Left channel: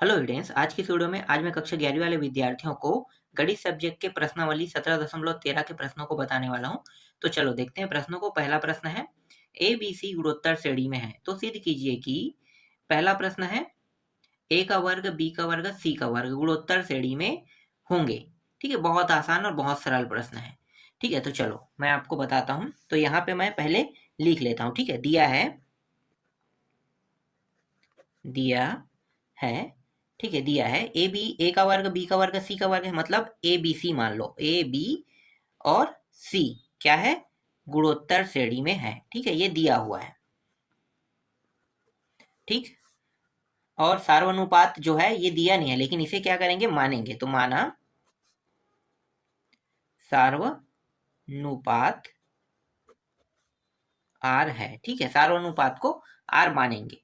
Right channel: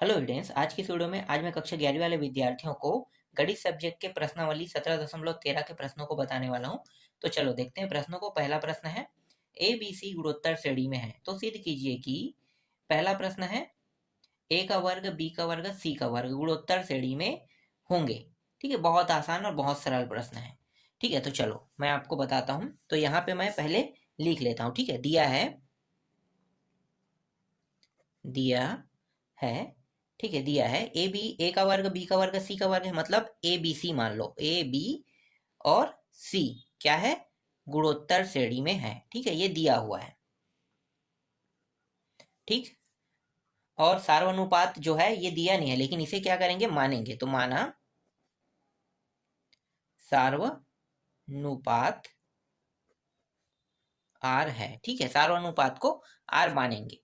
Hello students, आज की इस वीडियो में आज मैं कक्षा 11वीं वाले विद्यार्थियों को गणित सब्जेक्ट के प्रश्नावली 17.13 के प्रश्नों को बताने वाला हूं। तो चलो देखते हैं प्रश्नों को। पहला प्रश्न है ए बी सी गुणोत्तर श्रेणी में है, तो सिद्ध कीजिए कि पहला प्रश्न है ए का वर्ग बी का वर्ग सी का वर्ग गुणोत्तर श्रेणी में होंगे। ठीक है, बहुत आसान और बहुत सरल प्रश्न है। ठीक है, तो चलो मैं आपको बताता हूँ। तो यहाँ पे मैं पहले लिख लेता हूँ। ठीक है, दिया है। ठीक है, दिया है ए का वर्ग बी का वर्ग सी का वर्ग है, मतलब ए बी सी मान लो, ए बी और सी क्या है, गुणोत्तर श्रेणी में है। ठीक है, ये दिया हुआ है। ठीक, और सार्वनुपात जो है ये दिया नहीं है, लेकिन इसे क्या करेंगे, मानेंगे। तो माना सार्वनुपात आर है। ठीक है, सार्वनुपात को आर मानेंगे।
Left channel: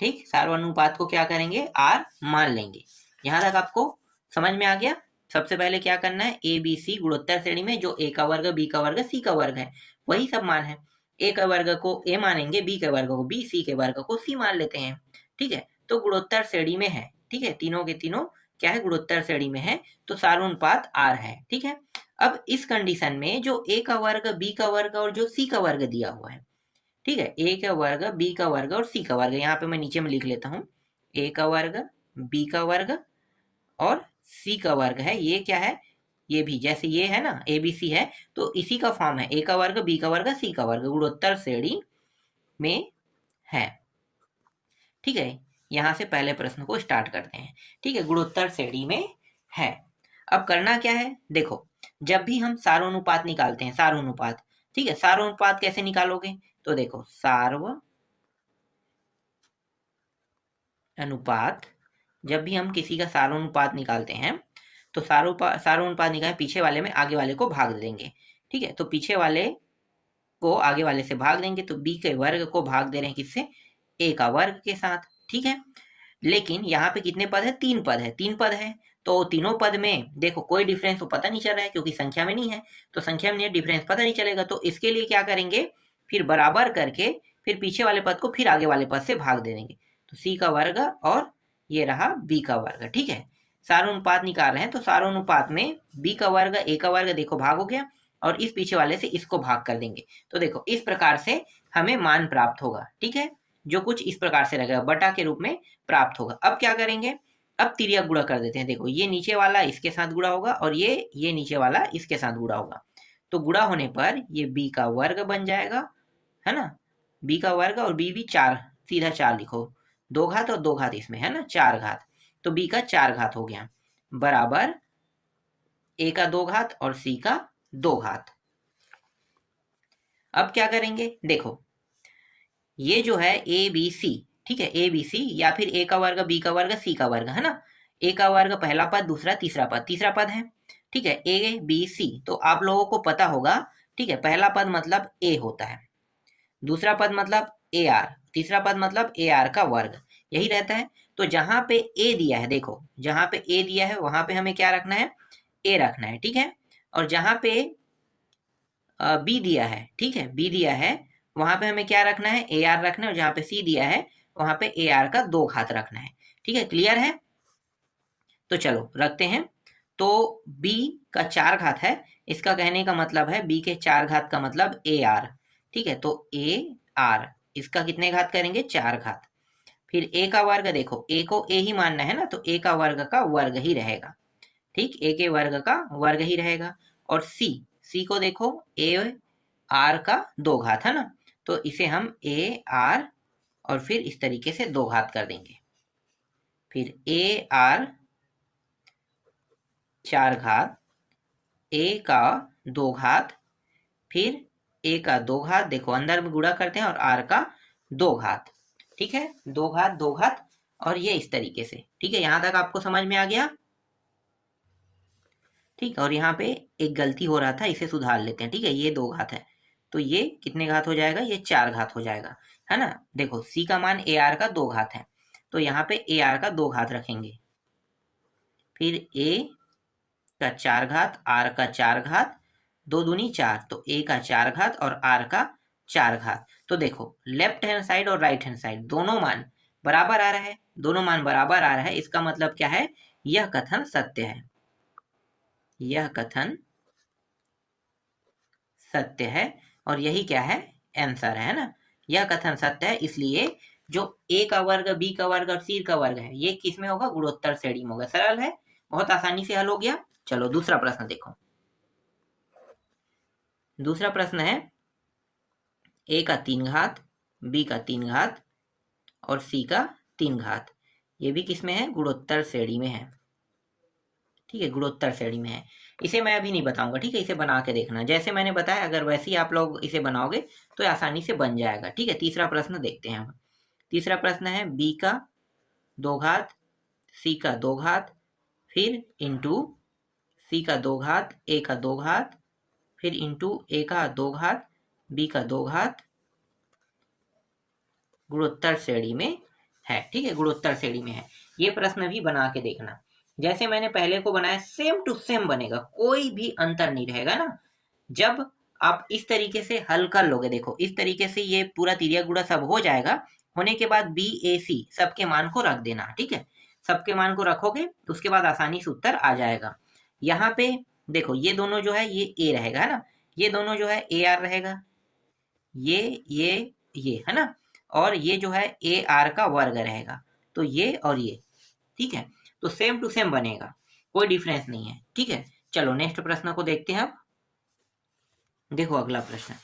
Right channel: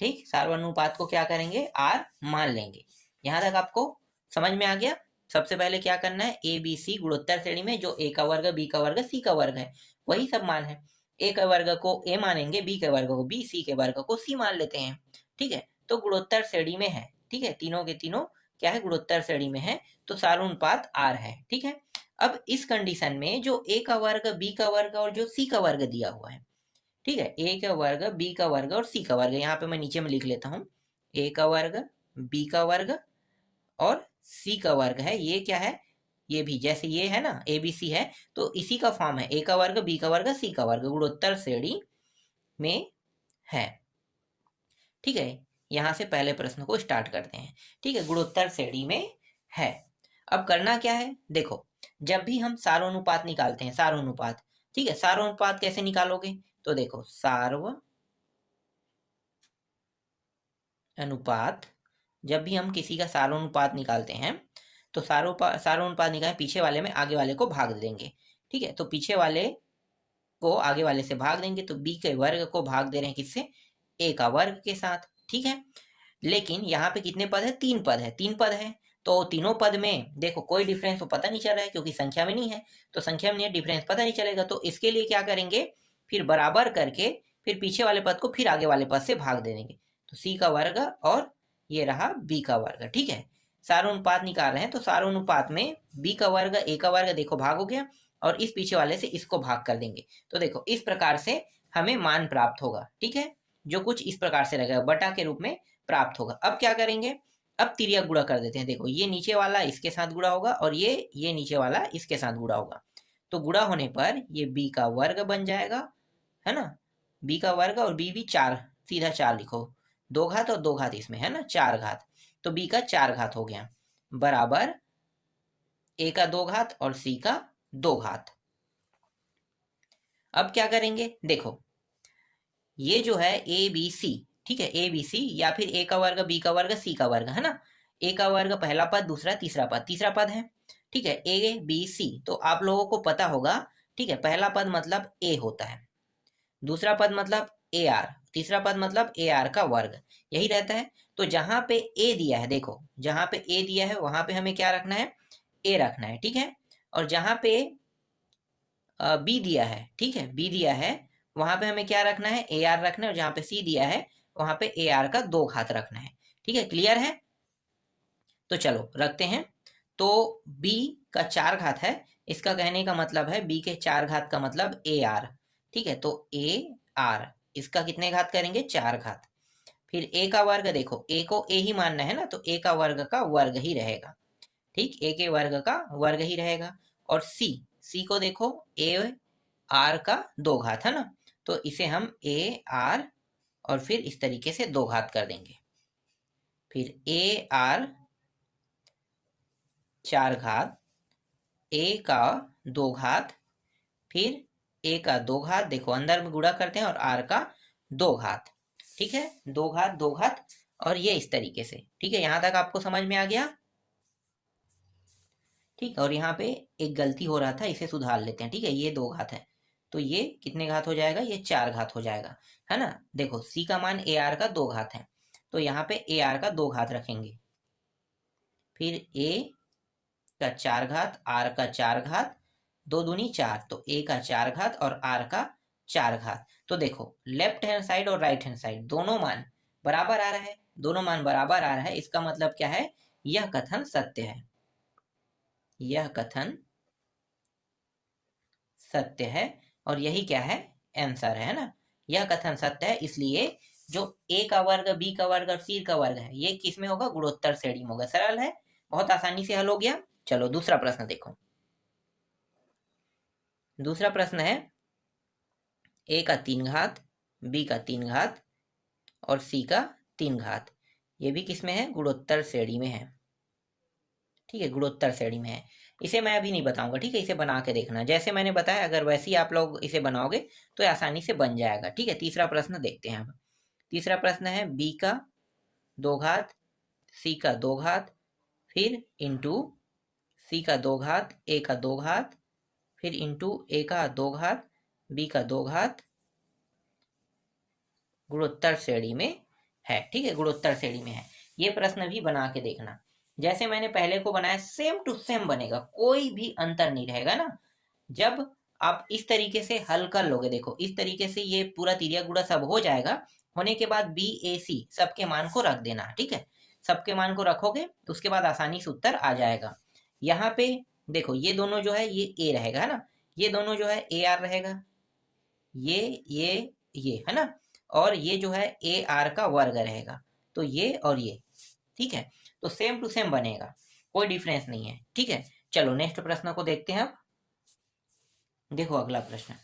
ठीक, सार्वनुपात को क्या करेंगे, आर मान लेंगे। यहां तक आपको समझ में आ गया। सबसे पहले क्या करना है, ए बी सी गुणोत्तर श्रेणी में जो ए का वर्ग बी का वर्ग सी का वर्ग है वही सब मान है। ए के वर्ग को ए मानेंगे, बी के वर्ग को बी, सी के वर्ग को सी मान लेते हैं। ठीक है, तो गुणोत्तर श्रेणी में है। ठीक है, तीनों के तीनों क्या है, गुणोत्तर श्रेणी में है, तो सार्वनुपात आर है। ठीक है, अब इस कंडीशन में जो ए का वर्ग बी का वर्ग और जो सी का वर्ग दिया हुआ है, ठीक है, ए का वर्ग बी का वर्ग और सी का वर्ग, यहाँ पे मैं नीचे में लिख लेता हूँ। ए का वर्ग बी का वर्ग और सी का वर्ग है, ये क्या है, ये भी जैसे ये है ना ए बी सी है, तो इसी का फॉर्म है, ए का वर्ग बी का वर्ग सी का वर्ग गुणोत्तर श्रेणी में है। ठीक है, यहां से पहले प्रश्न को स्टार्ट करते हैं। ठीक है, गुणोत्तर श्रेणी में है। अब करना क्या है, देखो, जब भी हम सार्वनुपात निकालते हैं, सार्वनुपात, ठीक है, सार्वनुपात कैसे निकालोगे, तो देखो अनुपात, जब भी हम किसी का सार्वनुपात निकालते हैं तो सार्वनुपात निकाले, पीछे वाले में आगे वाले को भाग देंगे। ठीक है, तो पीछे वाले को आगे वाले से भाग देंगे, तो बी के वर्ग को भाग दे रहे हैं किससे, ए का वर्ग के साथ। ठीक है, लेकिन यहाँ पे कितने पद है, तीन पद है, तीन पद है, तो तीनों पद में देखो कोई डिफरेंस तो पता नहीं चल रहा है, क्योंकि संख्या में नहीं है, तो संख्या में डिफरेंस पता नहीं चलेगा। तो इसके लिए क्या करेंगे, फिर बराबर करके फिर पीछे वाले पद को फिर आगे वाले पद से भाग दे देंगे। तो सी का वर्ग और ये रहा बी का वर्ग। ठीक है, सार्वनुपात निकाल रहे हैं, तो सार्वनुपात में बी का वर्ग ए का वर्ग देखो भाग हो गया, और इस पीछे वाले से इसको भाग कर देंगे। तो देखो इस प्रकार से हमें मान प्राप्त होगा। ठीक है, जो कुछ इस प्रकार से लगेगा, बटा के रूप में प्राप्त होगा। अब क्या करेंगे, अब तिर्यक गुणा कर देते हैं। देखो ये नीचे वाला इसके साथ गुणा होगा और ये नीचे वाला इसके साथ गुणा होगा, तो गुणा होने पर ये b का वर्ग बन जाएगा, है ना, b का वर्ग और b भी चार, सीधा चार लिखो, दो घात और दो घात इसमें है ना, चार घात, तो b का चार घात हो गया, बराबर a का दो घात और c का दो घात। अब क्या करेंगे, देखो ये जो है ए बी सी, ठीक है, ए बी सी या फिर ए का वर्ग बी का वर्ग सी का वर्ग, है ना, ए का वर्ग पहला पद, दूसरा तीसरा पद है। ठीक है, ए बी सी, तो आप लोगों को पता होगा। ठीक है, पहला पद मतलब ए होता है, दूसरा पद मतलब ए आर, तीसरा पद मतलब ए आर का वर्ग, यही रहता है। तो जहां पे ए दिया है, देखो जहां पे ए दिया है वहां पे हमें क्या रखना है, ए रखना है। ठीक है, और जहां पे बी दिया है, ठीक है, बी दिया है, वहां पे हमें क्या रखना है, ए आर रखना है, और जहां पे सी दिया है वहां पे ए आर का दो घात रखना है। ठीक है, क्लियर है, तो चलो रखते हैं। तो b का चार घात है, इसका कहने का मतलब है b के चार घात का मतलब ए आर। ठीक है, तो ए आर, इसका कितने घात करेंगे, चार घात। फिर a का वर्ग, देखो a को a ही मानना है ना, तो a का वर्ग का वर्ग ही रहेगा। ठीक, a के वर्ग का वर्ग ही रहेगा। और c को देखो a आर का दो घात है ना, तो इसे हम a आर और फिर इस तरीके से दो घात कर देंगे। फिर ए आर चार घात, ए का दो घात, फिर ए का दो घात, देखो अंदर में गुणा करते हैं, और आर का दो घात। ठीक है, दो घात दो घात, और ये इस तरीके से। ठीक है, यहां तक आपको समझ में आ गया। ठीक, और यहाँ पे एक गलती हो रहा था, इसे सुधार लेते हैं। ठीक है, ये दो घात है, तो ये कितने घात हो जाएगा, ये चार घात हो जाएगा, है ना। देखो c का मान ए आर का दो घात है, तो यहाँ पे ए आर का दो घात रखेंगे, फिर a का चार घात, आर का चार घात, दो दूनी चार, तो a का चार घात और आर का चार घात। तो देखो लेफ्ट हैंड साइड और राइट हैंड साइड दोनों मान बराबर आ रहा है, दोनों मान बराबर आ रहा है, इसका मतलब क्या है, यह कथन सत्य है, यह कथन सत्य है, और यही क्या है, आंसर है ना। यह कथन सत्य है, इसलिए जो ए का वर्ग, बी का वर्ग और सी का वर्ग है, ये किस में होगा, गुणोत्तर श्रेणी में होगा। सरल है, बहुत आसानी से हल हो गया। चलो दूसरा प्रश्न देखो। दूसरा प्रश्न है ए का 3 घात, बी का 3 घात और सी का 3 घात। ये भी किस में है, गुणोत्तर श्रेणी में है। ठीक है, गुणोत्तर श्रेणी में है। इसे मैं अभी नहीं बताऊंगा, ठीक है, इसे बना के देखना जैसे मैंने बताया, अगर वैसे ही आप लोग इसे बनाओगे तो आसानी से बन जाएगा। ठीक है, तीसरा प्रश्न देखते हैं हम। तीसरा प्रश्न है बी का 2 घात, सी का 2 घात, फिर इंटू सी का 2 घात, ए का 2 घात, फिर इंटू ए का 2 घात, बी का 2 घात, गुणोत्तर श्रेणी में है। ठीक है, गुणोत्तर श्रेणी में है। ये प्रश्न भी बना के देखना, जैसे मैंने पहले को बनाया सेम टू सेम बनेगा, कोई भी अंतर नहीं रहेगा ना। जब आप इस तरीके से हल कर लोगे, देखो इस तरीके से ये पूरा तिर्यक गुणा सब हो जाएगा। होने के बाद बी ए सी सबके मान को रख देना। ठीक है, सबके मान को रखोगे उसके बाद आसानी से उत्तर आ जाएगा। यहाँ पे देखो ये दोनों जो है ये ए रहेगा, है ना, ये दोनों जो है ए आर रहेगा, ये है ना, और ये जो है ए आर का वर्ग रहेगा, तो ये और ये। ठीक है, तो सेम टू सेम बनेगा, कोई डिफरेंस नहीं है। ठीक है, चलो नेक्स्ट प्रश्न को देखते हैं। अब देखो अगला प्रश्न,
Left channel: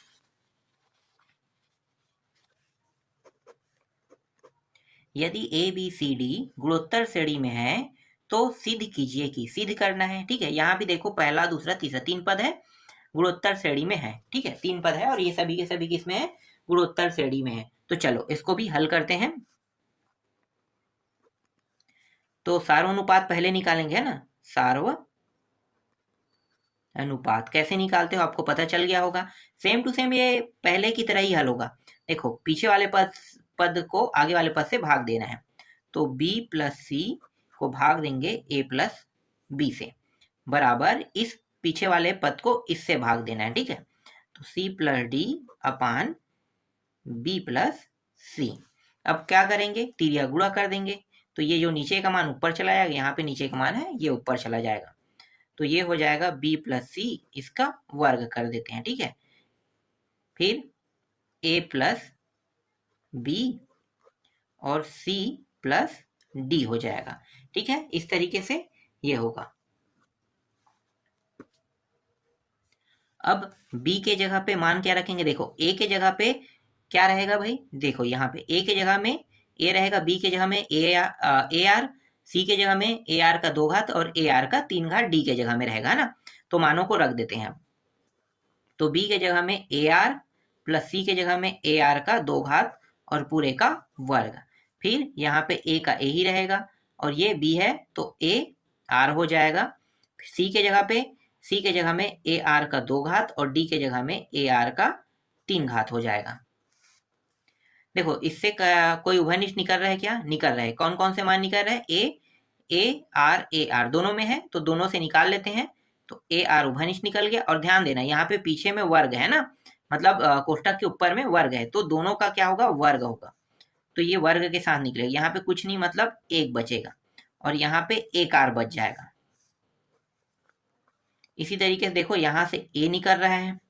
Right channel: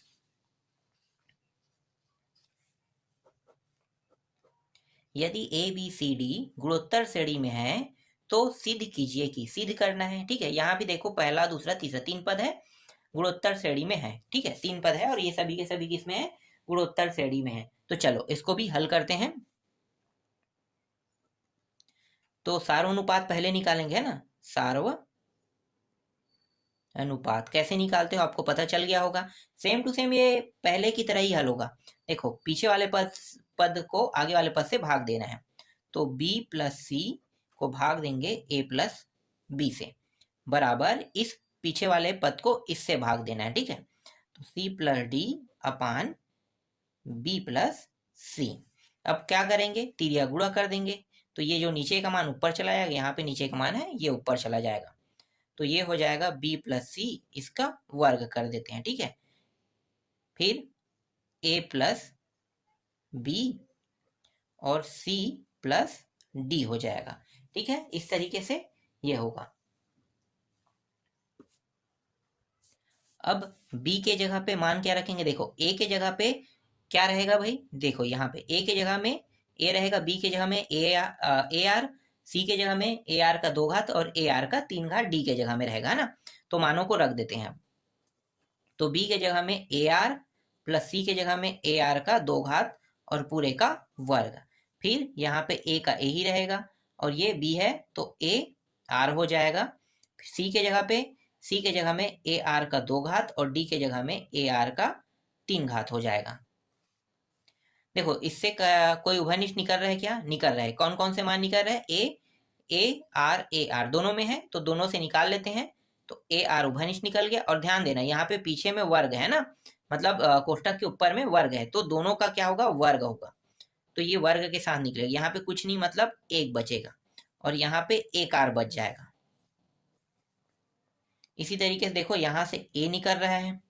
यदि ए बी सी डी गुणोत्तर श्रेणी में है तो सिद्ध कीजिए कि, सिद्ध करना है। ठीक है, यहाँ भी देखो पहला दूसरा तीसरा 3 पद है, गुणोत्तर श्रेणी में है। ठीक है, 3 पद है और ये सभी के सभी किसमें है, गुणोत्तर श्रेणी में है। तो चलो इसको भी हल करते हैं। तो सार्वनुपात पहले निकालेंगे, है ना, सार्व अनुपात कैसे निकालते हो आपको पता चल गया होगा। सेम टू सेम ये पहले की तरह ही हल होगा। देखो पीछे वाले पद को आगे वाले पद से भाग देना है, तो b प्लस सी को भाग देंगे a प्लस बी से, बराबर इस पीछे वाले पद को इससे भाग देना है। ठीक है, तो c प्लस डी अपान b प्लस सी। अब क्या करेंगे, तिर्यक गुणा कर देंगे, तो ये जो नीचे का मान ऊपर चला जाएगा, यहाँ पे नीचे का मान है ये ऊपर चला जाएगा, तो ये हो जाएगा b प्लस सी, इसका वर्ग कर देते हैं। ठीक है, फिर a प्लस बी और c प्लस डी हो जाएगा। ठीक है, इस तरीके से ये होगा। अब b के जगह पे मान क्या रखेंगे, देखो a के जगह पे क्या रहेगा भाई, देखो यहाँ पे a के जगह में a रहेगा, b के जगह में ए आर, c के जगह में ए आर का 2 घात और ए आर का 3 घात d के जगह में रहेगा ना। तो मानों को रख देते हैं अब, तो b के जगह में ए आर प्लस c के जगह में ए आर का 2 घात और पूरे का वर्ग, फिर यहाँ पे a का a ही रहेगा और ये b है तो a r हो जाएगा। c के जगह में ए आर का 2 घात और d के जगह में ए आर का 3 घात हो जाएगा। देखो इससे कोई उभयनिष्ठ निकल रहा है क्या, निकल रहा है। कौन कौन से मान निकल रहा है, ए आर दोनों में है, तो दोनों से निकाल लेते हैं, तो ए आर उभयनिष्ठ निकल गया। और ध्यान देना यहाँ पे पीछे में वर्ग है ना, मतलब कोष्ठक के ऊपर में वर्ग है, तो दोनों का क्या होगा, वर्ग होगा, तो ये वर्ग के साथ निकलेगा। यहाँ पे कुछ नहीं, मतलब एक बचेगा और यहाँ पे एक आर बच जाएगा। इसी तरीके से देखो यहाँ से ए निकल रहा है,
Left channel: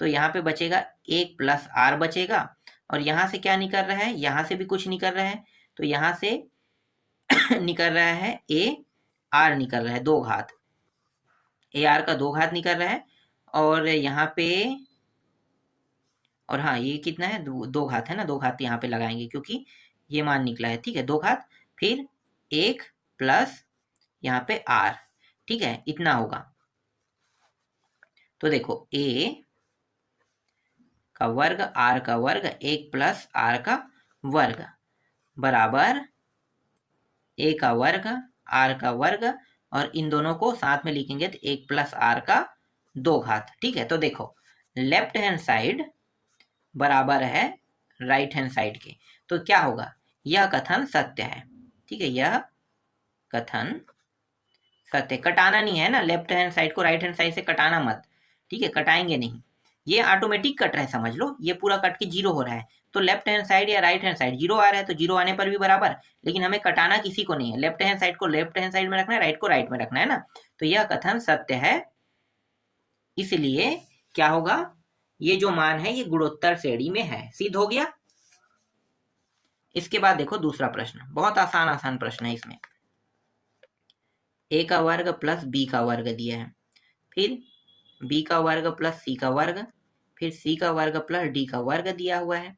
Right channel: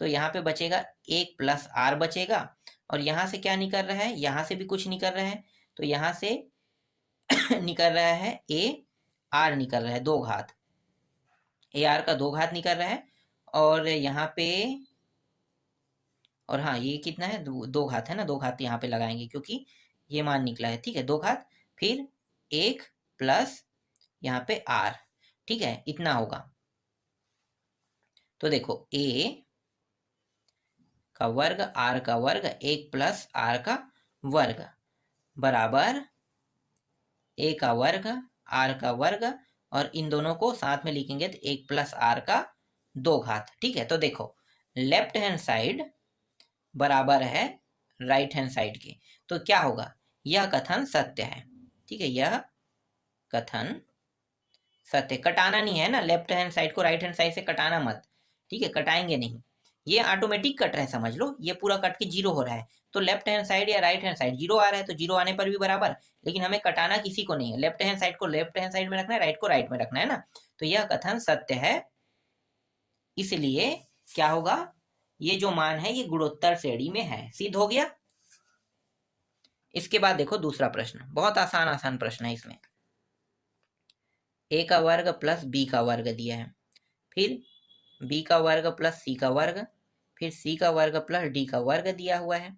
तो यहाँ पे बचेगा एक प्लस आर बचेगा, और यहाँ से क्या निकल रहा है, यहाँ से भी कुछ निकल रहा है, तो यहाँ से निकल रहा है ए आर निकल रहा है 2 घात, ए आर का 2 घात निकल रहा है, और यहाँ पे, और हाँ ये कितना है, 2 घात है ना, 2 घात यहाँ पे लगाएंगे क्योंकि ये मान निकला है। ठीक है, 2 घात फिर 1 प्लस यहाँ पे आर। ठीक है, इतना होगा। तो देखो a का वर्ग r का वर्ग 1 प्लस r का वर्ग बराबर a का वर्ग r का वर्ग, और इन दोनों को साथ में लिखेंगे तो 1 प्लस r का 2 घात। ठीक है, तो देखो लेफ्ट हैंड साइड बराबर है राइट हैंड साइड के, तो क्या होगा, यह कथन सत्य है। ठीक है, यह कथन सत्य, कटाना नहीं है ना, लेफ्ट हैंड साइड को राइट हैंड साइड से कटाना मत। ठीक है, कटाएंगे नहीं, ये ऑटोमेटिक कट रहा है, समझ लो ये पूरा कट के जीरो हो रहा है। तो लेफ्ट हैंड साइड या राइट हैंड साइड जीरो आ रहा है, तो जीरो आने पर भी बराबर, लेकिन हमें कटाना किसी को नहीं है, लेफ्ट हैंड साइड को लेफ्ट हैंड साइड में रखना है, राइट को राइट में रखना है ना। तो यह कथन सत्य है, इसलिए क्या होगा, ये जो मान है ये गुणोत्तर श्रेणी में है। सिद्ध हो गया। इसके बाद देखो दूसरा प्रश्न, बहुत आसान आसान प्रश्न है इसमें। a का वर्ग प्लस b का वर्ग दिया है, फिर b का वर्ग प्लस c का वर्ग, फिर c का वर्ग प्लस d का वर्ग दिया हुआ है।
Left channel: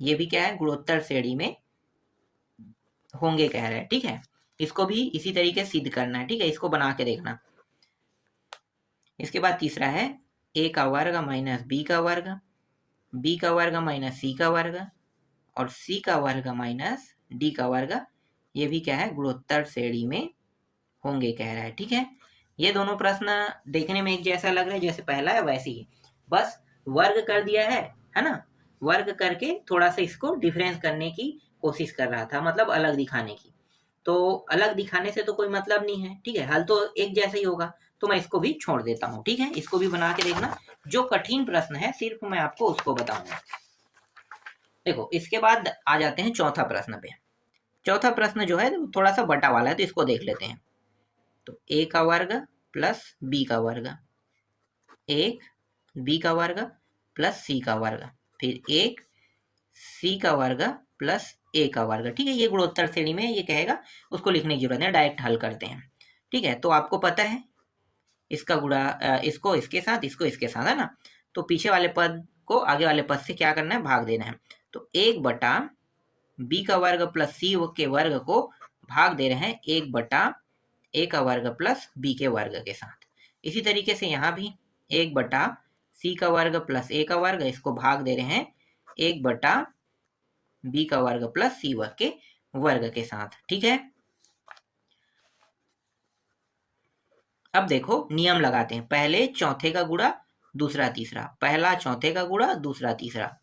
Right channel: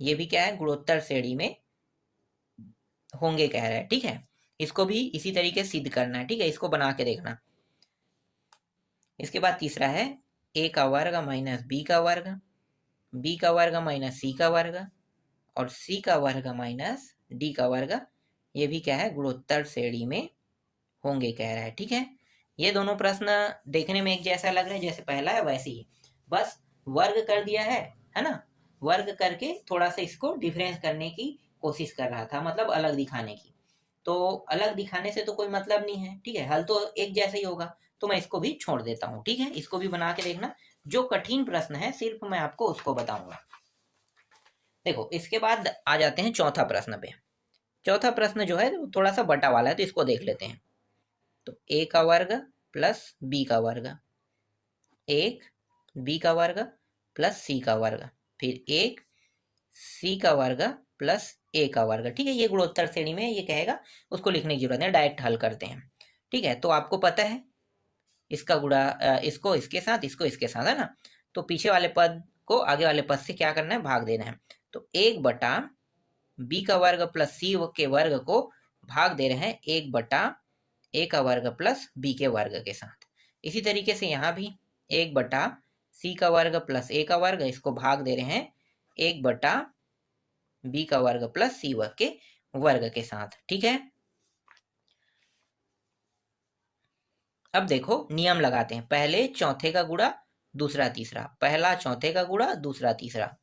ये भी क्या है, गुणोत्तर श्रेणी में होंगे कह रहा है, ठीक है। इसको भी इसी तरीके से सिद्ध करना है, ठीक है, इसको बना के देखना। इसके बाद तीसरा है a का वर्ग माइनस b का वर्ग, b का वर्ग माइनस c का वर्ग और c का वर्ग माइनस d का वर्ग। ये भी क्या है, गुणोत्तर श्रेणी में होंगे कह रहा है, ठीक है। ये दोनों प्रश्न देखने में एक जैसा लग रहा है, जैसे पहला है वैसे ही, बस वर्ग कर दिया है ना। वर्ग करके थोड़ा सा इसको डिफरेंस करने की कोशिश कर रहा था, मतलब अलग दिखाने की। तो अलग दिखाने से तो कोई मतलब नहीं है, ठीक है, हल तो एक जैसा ही होगा। तो मैं इसको भी छोड़ देता हूँ, ठीक है, इसको भी बना के देखना। जो कठिन प्रश्न है सिर्फ मैं आपको उसको बताऊंगा। देखो इसके बाद आ जाते हैं चौथा प्रश्न पे। चौथा प्रश्न जो है थोड़ा सा बटा वाला है, तो इसको देख लेते हैं। तो a का वर्ग प्लस b का वर्ग, एक b का वर्ग प्लस c का वर्ग, फिर एक c का वर्ग प्लस a का वर्ग, ठीक है। ये गुणोत्तर श्रेणी में ये कहेगा, उसको लिखने की जरूरत है, डायरेक्ट हल करते हैं, ठीक है। तो आपको पता है इसका गुणा इसको इसके साथ, इसको इसके साथ, है ना। तो पीछे वाले पद को आगे वाले पद से क्या करना है, भाग देना है। तो एक बटा b का वर्ग प्लस c के वर्ग को भाग दे रहे हैं एक बटा a का वर्ग प्लस b के वर्ग के साथ। इसी तरीके से यहाँ भी एक बटा c का वर्ग प्लस a का वर्ग, इसको भाग दे रहे हैं एक बटा b का वर्ग प्लस c वर्ग के साथ, ठीक है। अब देखो नियम लगाते हैं, पहले चौथे का गुणा दूसरा तीसरा, पहला चौथे का गुणा दूसरा तीसरा।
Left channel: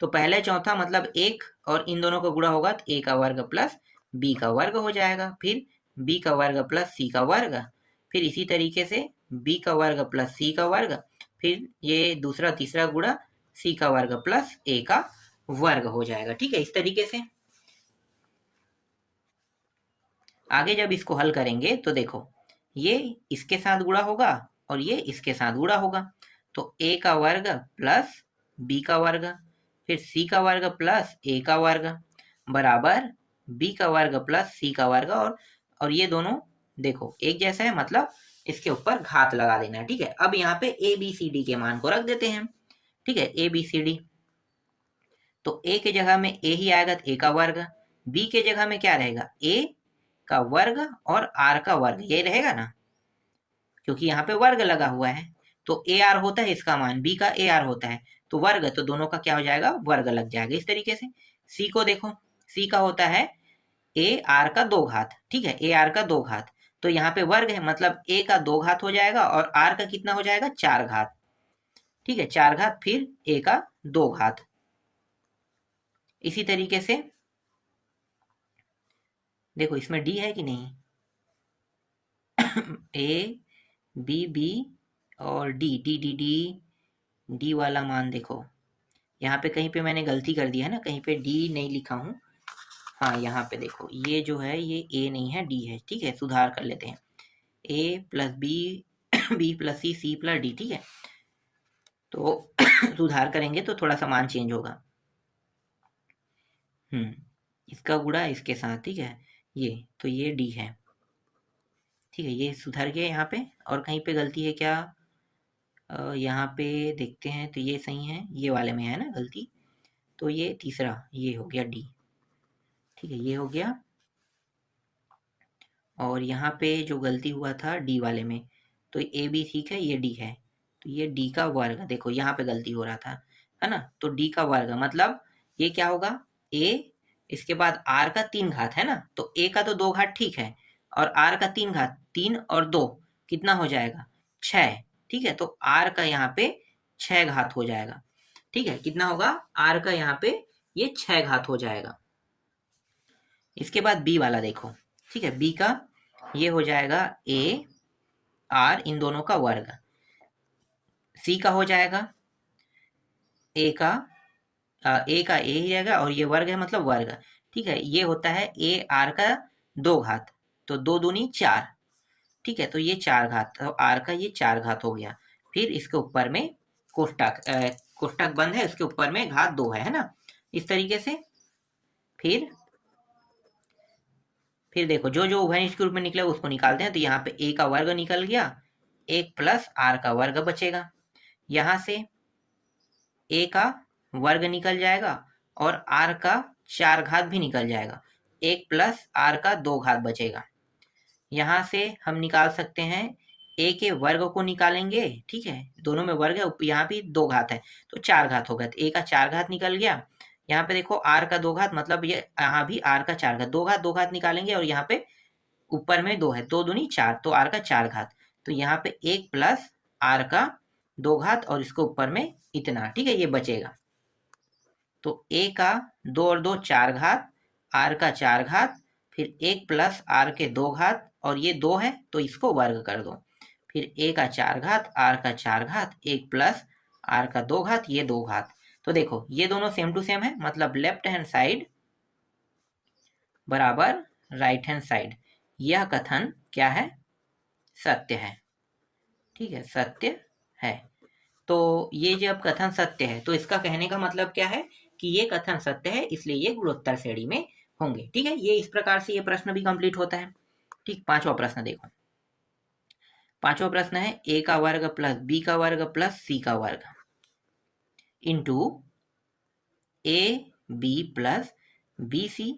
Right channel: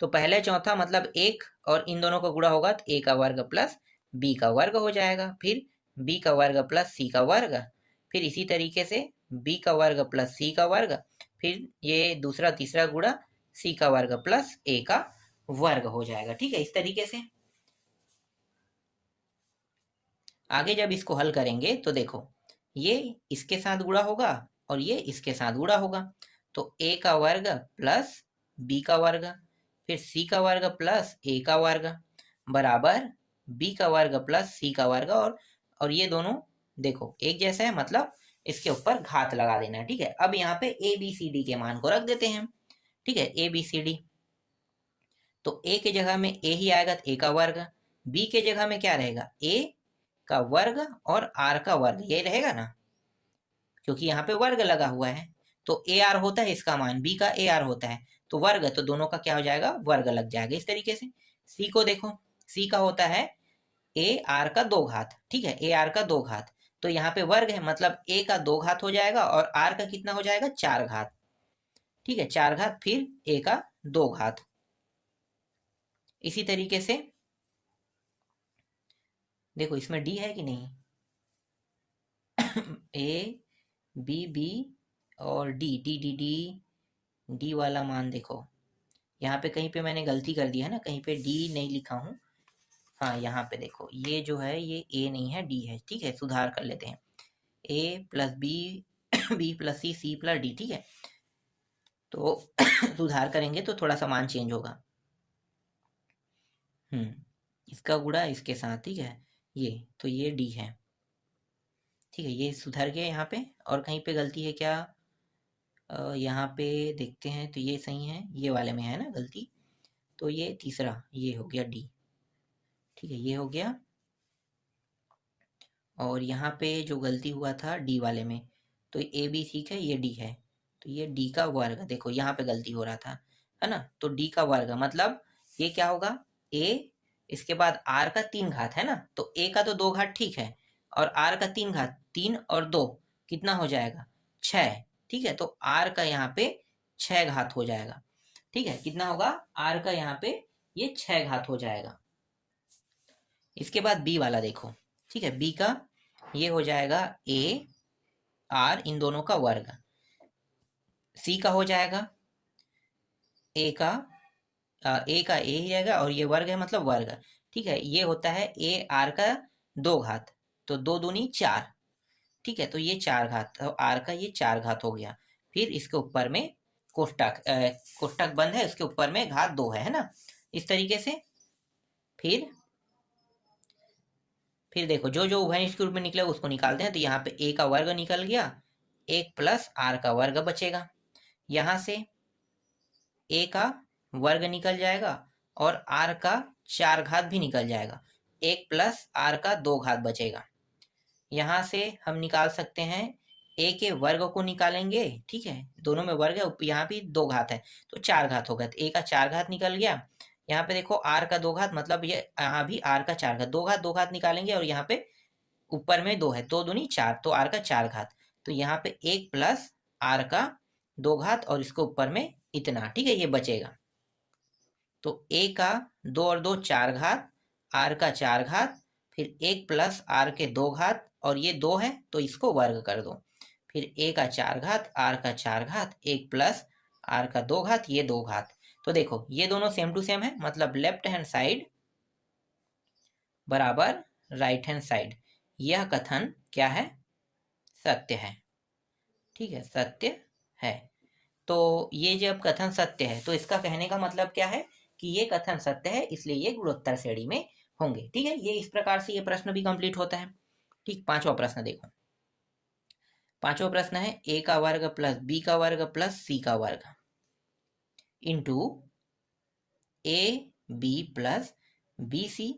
तो पहले चौथा मतलब एक, और इन दोनों का गुणा होगा तो a का वर्ग प्लस b का वर्ग हो जाएगा, फिर b का वर्ग प्लस c का वर्ग, फिर इसी तरीके से b का वर्ग प्लस c का वर्ग, फिर ये दूसरा तीसरा गुणा c का वर्ग प्लस a का वर्ग हो जाएगा, ठीक है। इस तरीके से आगे जब इसको हल करेंगे तो देखो ये इसके साथ गुणा होगा और ये इसके साथ गुणा होगा। तो a का वर्ग प्लस b का वर्ग, फिर c का वर्ग प्लस a का वर्ग बराबर b का वर्ग प्लस c का वर्ग, और ये दोनों देखो एक जैसा है, मतलब इसके ऊपर घात लगा देना है, ठीक है। अब यहाँ पे a b c d के मान को रख देते हैं, ठीक है, a b c d। तो a के जगह में a ही आएगा तो a का वर्ग, b के जगह में क्या रहेगा, a का वर्ग और r का वर्ग, ये रहेगा ना, क्योंकि यहाँ पे वर्ग लगा हुआ है। तो ए आर होता है इसका मान, बी का ए आर होता है, तो वर्ग, तो दोनों का क्या हो जाएगा, वर्ग लग जाएगा। इस तरीके से सी को देखो, सी का होता है ए आर का दो घात, ठीक है, ए आर का दो घात। तो यहाँ पे वर्ग है, मतलब ए का दो घात हो जाएगा और आर का कितना हो जाएगा, चार घात, ठीक है, चार घात, फिर ए का दो घात। इसी तरीके से देखो इसमें डी है कि नहीं, ए बी बी और D D D D D वाला मान देखो, यहाँ पे कहीं पे मैंने गलती कर दी है ना, कहीं पे डी नहीं लिखा हूँ। हाँ यहाँ पे देखो, ये जो है ये ए नहीं है, डी है, ठीक है, सुधार कर लेते हैं, ए प्लस बी बी प्लस सी, सी प्लस डी, ठीक है। तो सुधार करेंगे तो थोड़ा सा मान चेंज होगा। इसका गुणा इसके साथ, ठीक है, ये तो ये डी है, ठीक है, ये सुधर गया यहाँ पे। और कहीं पे गलती है क्या, यहाँ पे देखते हैं तो ये सही है, ये वाले में है ना गलती, तो ये तीसरा ये हो गया डी, ठीक है, ये हो गया। और यहाँ पे जो गलती हुआ था डी वाले में, तो ए बी ठीक है, ये डी है, तो ये डी का वर्ग, देखो यहाँ पे गलती हो रहा था, है ना, तो डी का वर्ग मतलब ये क्या होगा, ए इसके बाद आर का तीन घात, है ना, तो ए का तो दो घात ठीक है, और आर का तीन घात, तीन और दो कितना हो जाएगा, छः, ठीक है। तो आर का यहाँ पे छः घात हो जाएगा, ठीक है, कितना होगा, आर का यहाँ पे ये छः घात हो जाएगा। इसके बाद बी वाला देखो, ठीक है, बी का ये हो जाएगा ए आर इन दोनों का वर्ग, सी का हो जाएगा, ए का ए ही रहेगा और ये वर्ग है मतलब वर्ग, ठीक है। ये होता है ए आर का 2 घात, तो 2 दूनी 4, ठीक है। तो ये 4 घात, तो आर का ये 4 घात हो गया। फिर इसके ऊपर में कोष्टक कोष्टक बंद है, उसके ऊपर में घात 2 है ना, इस तरीके से। फिर देखो जो जो उभयनिष्ठ के रूप में निकले उसको निकालते हैं। तो यहाँ पे ए का वर्ग निकल गया, 1 प्लस आर का वर्ग बचेगा। यहाँ से ए का वर्ग निकल जाएगा और आर का 4 घात भी निकल जाएगा, 1 प्लस आर का 2 घात बचेगा। यहाँ से हम निकाल सकते हैं ए के वर्ग को निकालेंगे, ठीक है। दोनों में वर्ग है, यहाँ भी 2 घात है तो 4 घात होगा, तो ए का 4 घात निकल गया। यहाँ पे देखो आर का 2 घात, मतलब ये यहाँ भी आर का 4 घात, 2 घात निकालेंगे और यहाँ पे ऊपर में 2 है, 2 दूनी 4, तो आर का 4 घात। तो यहाँ पे 1 प्लस आर का 2 घात और इसको ऊपर में इतना, ठीक है, ये बचेगा। तो ए का 2 और 2 4 घात, आर का 4 घात, फिर 1 प्लस आर के 2 घात और ये 2 है तो इसको वर्ग कर दो। फिर ए का 4 घात, आर का 4 घात, 1 प्लस आर का 2 घात, ये 2 घात। तो देखो ये दोनों सेम टू सेम है, मतलब लेफ्ट हैंड साइड बराबर राइट हैंड साइड। यह कथन क्या है? सत्य है, ठीक है, सत्य है। तो ये जब कथन सत्य है तो इसका कहने का मतलब क्या है कि ये कथन सत्य है, इसलिए ये गुणोत्तर श्रेणी में होंगे, ठीक है। ये इस प्रकार से ये प्रश्न भी कंप्लीट होता है, ठीक। पांचवा प्रश्न देखो, पांचवा प्रश्न है ए का वर्ग प्लस बी का वर्ग प्लस सी का वर्ग into A B plus B C,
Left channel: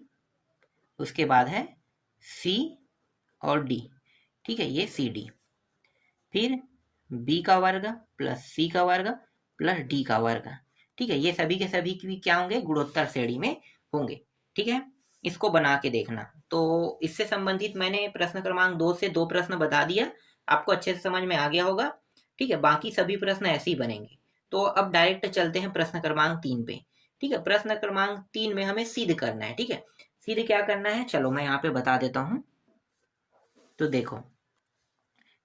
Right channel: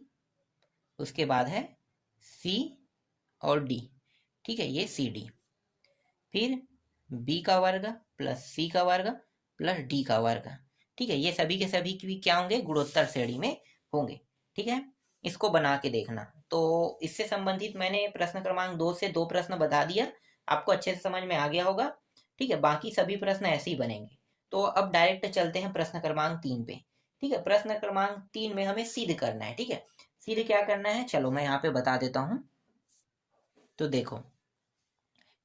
उसके बाद है सी और डी, ठीक है, ये सी डी। फिर बी का वर्ग प्लस सी का वर्ग प्लस डी का वर्ग, ठीक है। ये सभी के सभी भी क्या होंगे? गुणोत्तर श्रेणी में होंगे, ठीक है। इसको बना के देखना। तो इससे संबंधित मैंने प्रश्न क्रमांक 2 से 2 प्रश्न बता दिया, आपको अच्छे से समझ में आ गया होगा, ठीक है। बाकी सभी प्रश्न ऐसे ही बनेंगे। तो अब डायरेक्ट चलते हैं प्रश्न क्रमांक 3 पे, ठीक है। प्रश्न क्रमांक 3 में हमें सिद्ध करना है, ठीक है। सिद्ध क्या करना है, चलो मैं यहाँ पे बता देता हूँ। तो देखो,